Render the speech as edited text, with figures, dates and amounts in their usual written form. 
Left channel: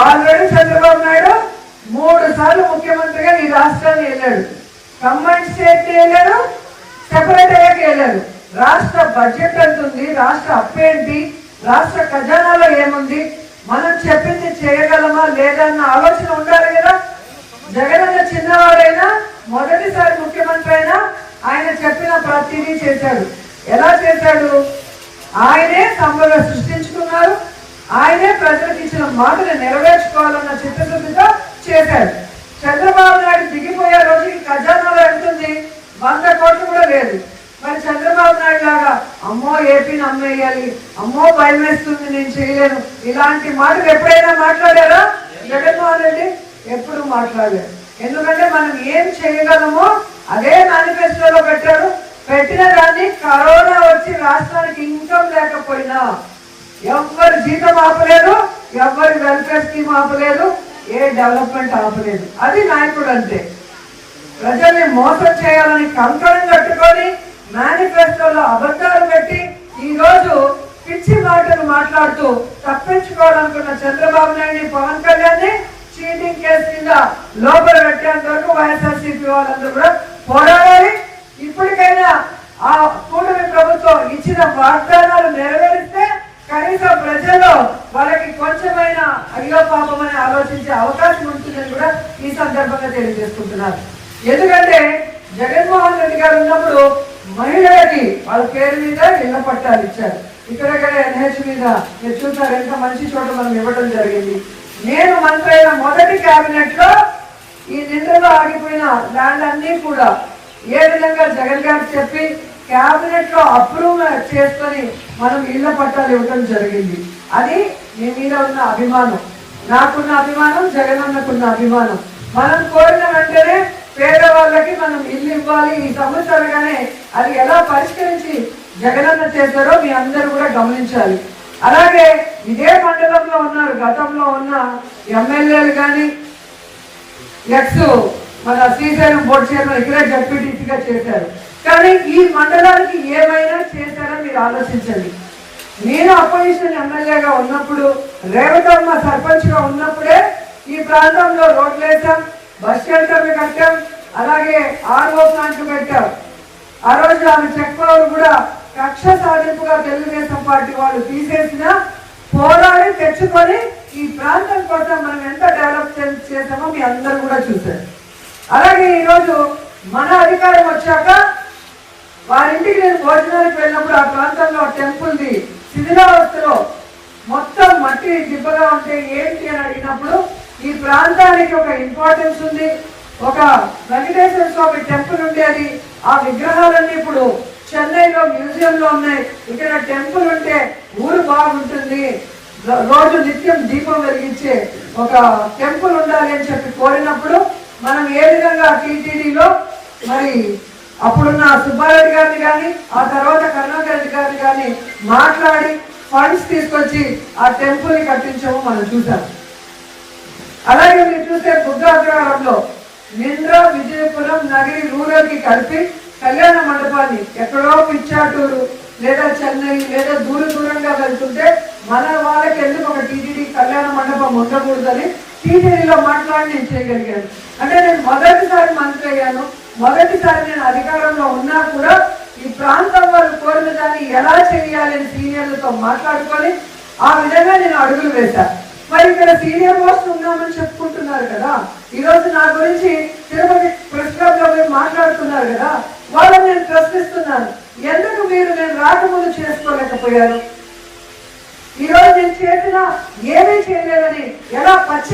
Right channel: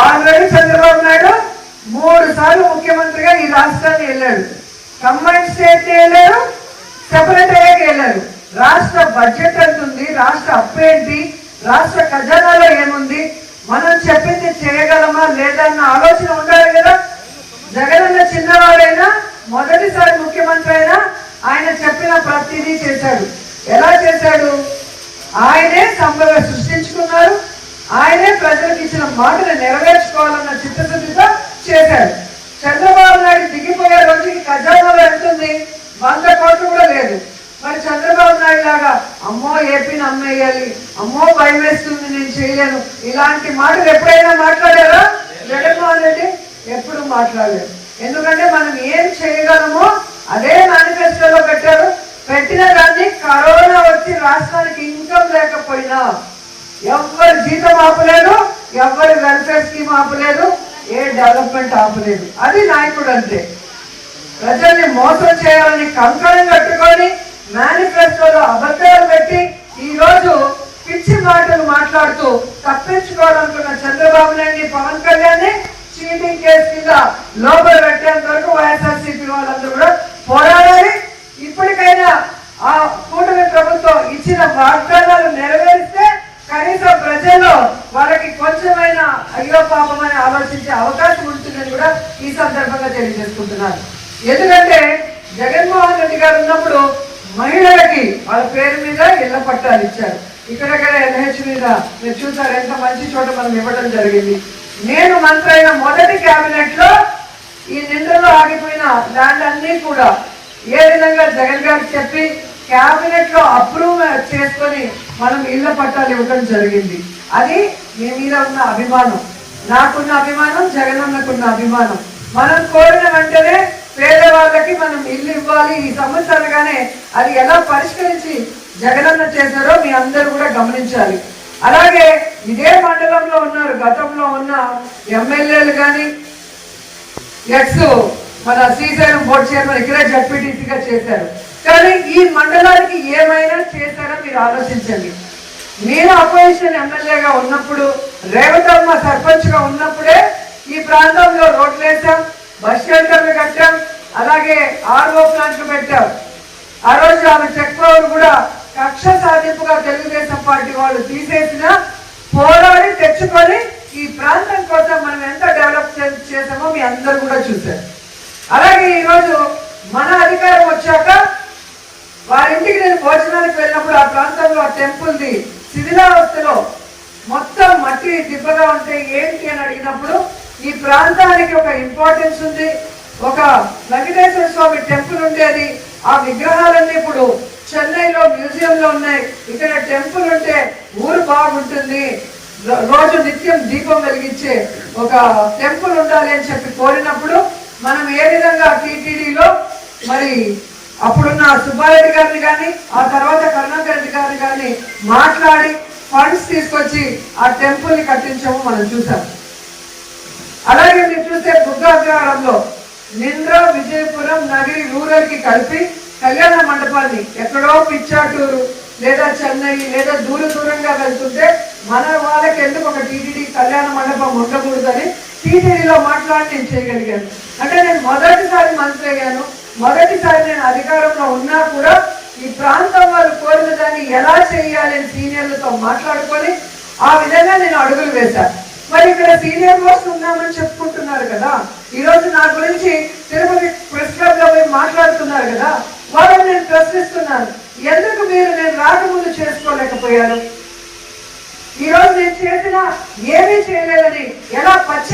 Already Chandrababu Naidu 3 సార్లు ముఖ్యమంత్రిగా ఈ రాష్ట్రాన్ని వెళ్ళాడు. కంబైన్ స్టేట్ వెళ్ళారు, సెపరేట్ అయ్యాక వెళ్ళారు. రాష్ట్ర బడ్జెట్ ఎంత ఉంది, రాష్ట్ర అప్పు ఏంటి, రాష్ట్ర ఖజానాలో ఏముంది, మనం చెప్పింది చేయగలమా లేదా అన్న ఆలోచన ఉండాలి కదా. జగన్ చిన్నవాడైనా మొదటిసారి ముఖ్యమంత్రి అయినా ఆయన చెప్పిన ప్రతిదీ చేశాడు. ఎలా చేశాడు? ఆయనే సంపద సృష్టించుకున్నారు, ఆయనే ప్రజలకు ఇచ్చిన మాటలు నెరవేర్చుకోవాలన్న చిత్తశుద్ధితో చేశాడు. చంద్రబాబు నాయుడు దిగిపోయే రోజుకి ఖజానాలో ఎంత ఉంది? 100 కోట్లు కూడా లేదు. మరి చంద్రబాబు నాయుడు లాగా అమ్మో ఏపీని అమ్మేయాలి, అమ్మో భయం వేస్తుంది, నేను చేయలేను, ఇలాంటి మాటలు ఎప్పుడైనా మాట్లాడారా? జగన్మోహన్ రెడ్డి ఎప్పుడు మాట్లాడలేదు. ఎందుకంటే మనం ఏం చేయగలమో అదే మేనిఫెస్టోలో పెట్టారు. పెట్టిన దాన్ని కరోనా వచ్చి రాష్ట్రానికి ఇన్కమ్ లేకపోయినా ఎవరు జీతం ఆపలేదు, ఎవరు వెల్ఫేర్ స్కీమ్ ఆపలేదు, ఏ డెవలప్మెంట్ ఆపలేదు. అది నాయకుడు అంటే. ప్రజల్ని మోసం చేయాలని కంకణం కట్టుకొని మేనిఫెస్టోలో అబద్ధాలు పెట్టి ఈ రోజు పిచ్చి మాటలు మాట్లాడుతూ తప్పించుకోవాలనుకున్న చంద్రబాబు నాయుడిని, పవన్ కళ్యాణ్ చీటింగ్ కేసు కింద లోపల పెట్టేంత వరకు వైఎస్ఆర్సీపీ వాళ్ళందరూ కూడా పోరాడాలి. ఇప్పటికైనా ఆ కూటమి ప్రభుత్వం ఇచ్చిన వాగ్దానాలు నెరవేరిస్తే కనీసం ప్రజల్లో వాళ్ళకి కొంచెమైనా అయ్యో పాపమని ఆలోచించే అవకాశం ఉంటుందని కూడా ఈ సందర్భంగా తెలియజేసుకుంటున్నారు. ఎందుకంటే జగన్మోహన్ రెడ్డి గారు ఉన్నప్పుడు మహిళలకి వాళ్ళ పేరు మీద ఇళ్ల పట్టాలు ఇచ్చారు. ఇక్కడ ఎన్హెచ్ మీద మీరు చూసారు, ఎంత మంచి చోట మనం ఇవ్వడం జరిగింది. నేను మంత్రి అయిన మొదటి క్యాబినెట్ లో ఈ నిండులో ఆగిపోయిన ల్యాండ్ అన్ని కూడా ఏ విధంగా జగన్ గారికి చెప్పి క్యాబినెట్ లో అప్రూవ్ చేసుకొని మనం ఇళ్ల పట్టాలు ఇవ్వడం జరిగింది. అది మీ మీద ఉన్న అభిమానం, నాకున్న అభిమానం, జగన్ అన్నకున్న అభిమానం. మనం కోరిన వెంటనే పేదవాళ్ళకి మనం ఇల్లు ఇవ్వాలి. ఈ సమస్య అనగానే అది ఎలా పరిష్కరించి జగనన్న చేశారో మీ అందరూ కూడా గమనించాలి. అలాగే ఇదే మండలంలో ఉన్నారు, గతంలో ఉన్న ఎమ్మెల్యేలు కానీ ఎక్స్ మన శ్రీశైలం బోర్డు చైర్మన్ ఇక్కడే జడ్పీటీసీగా చేశారు. కానీ ఈ మండలానికి ఏమైనా చేశారో మీరు ఆలోచించండి. నేను అపోజిషన్ ఎమ్మెల్యేగా ఉన్నప్పుడు, రేవతమ్మ సర్పంచ్ గా ఉన్నప్పుడే ఈ ప్రాంతంలో రోడ్లు వేసాం, బస్ షెల్టర్లు కట్టాం, అలాగే ఆర్ఓ ప్లాంట్లు పెట్టాం. ఆ రోజు ఆమె చెక్ పవర్ కూడా కక్ష సాధింపుగా తెలుగుదేశం పార్టీ వాళ్ళు తీసేసిన పోరాడి తెచ్చుకొని ఈ ప్రాంతం కోసం మనం ఎంత డెవలప్ చేసామో మీ అందరూ కూడా చూశారు. అలాగే ఈరోజు మన అధికారం వచ్చాక వారింటికి నేను భోజనానికి వెళ్ళినప్పుడు ఆ ప్రాంతంలో ఆ టెంపుల్ది శిథిలావస్థలో మొత్తం మట్టి దిబ్బగా ఉంటే ఏంటి అని అడిగినప్పుడు ఈ ప్రాంతానికి ఒక ఇంపార్టెన్స్ ఉంది, ఒక వెంకటేశ్వర స్వామి టెంపుల్ ఉండేది, ఆ విగ్రహాలన్నీ ఇప్పుడు చెన్నైలో మ్యూజియం లో ఉన్నాయి, ఇక్కడ టెంపుల్ ఉంటే ఊరు బాగుంటుంది, రోజు నిత్యం దీపం వెలిగించే ఒక టెంపుల్ ఉండాలి అని చెప్పి కోరినప్పుడు మనం ఏ విధంగా టీటీడీలో మరి అప్పుడున్న సుబ్బారెడ్డి గారిని కానీ ఆ తర్వాత కరుణాకర్ రెడ్డి గారిని కానీ మాట్లాడి ఫండ్స్ తీసుకొచ్చి ఆ టెంపుల్ ని కట్టించాము మనం చూసాం. అలాగే మీరు చూస్తే బుద్ధాగ్రహారంలో నింద్ర, విజయపురం, నగరి రూరల్ కి కలిపి కళ్యాణ మండపాన్ని ఎక్కడో పిచ్చాటూరు లేదా చెన్నై లేదా దూరంగా వెళ్తుంటే మన వాళ్ళకి ఎందుకు ఒక టీటీడీ కళ్యాణ మండపం ఉండకూడదని టీటీడీలో మాట్లాడి నేను చేయగలిగాను. అంటే నేను మొదటిసారి మంత్రి అయ్యాను, మొదటిసారి నేను అధికారంలో ఉన్నా కూడా ఈ ప్రాంతం వాళ్ళు కోరిన దాన్ని ఎలా చేయాలని సీనియర్లతో మాట్లాడుకొని ఆ విధంగా నేను అడుగులు వేశాను. మరి ఇక్కడ సీనియర్ మోస్ట్ ఉన్నామని చెప్పుకుంటున్నారు కదా, ఈ రోజు నా గురించి తిరుపతి ప్రెస్ క్లబ్ లో మీరు మాట్లాడుతున్నారు కదా, వాళ్ళని నేను ప్రశ్నిస్తున్నాను, ఎందుకు మీరు నేను రాకముందు చేసుకోలేకపోయారు? ఈ రోజు నేను చేసిన ఏమీ చేయలేదని ఎలా పచ్చి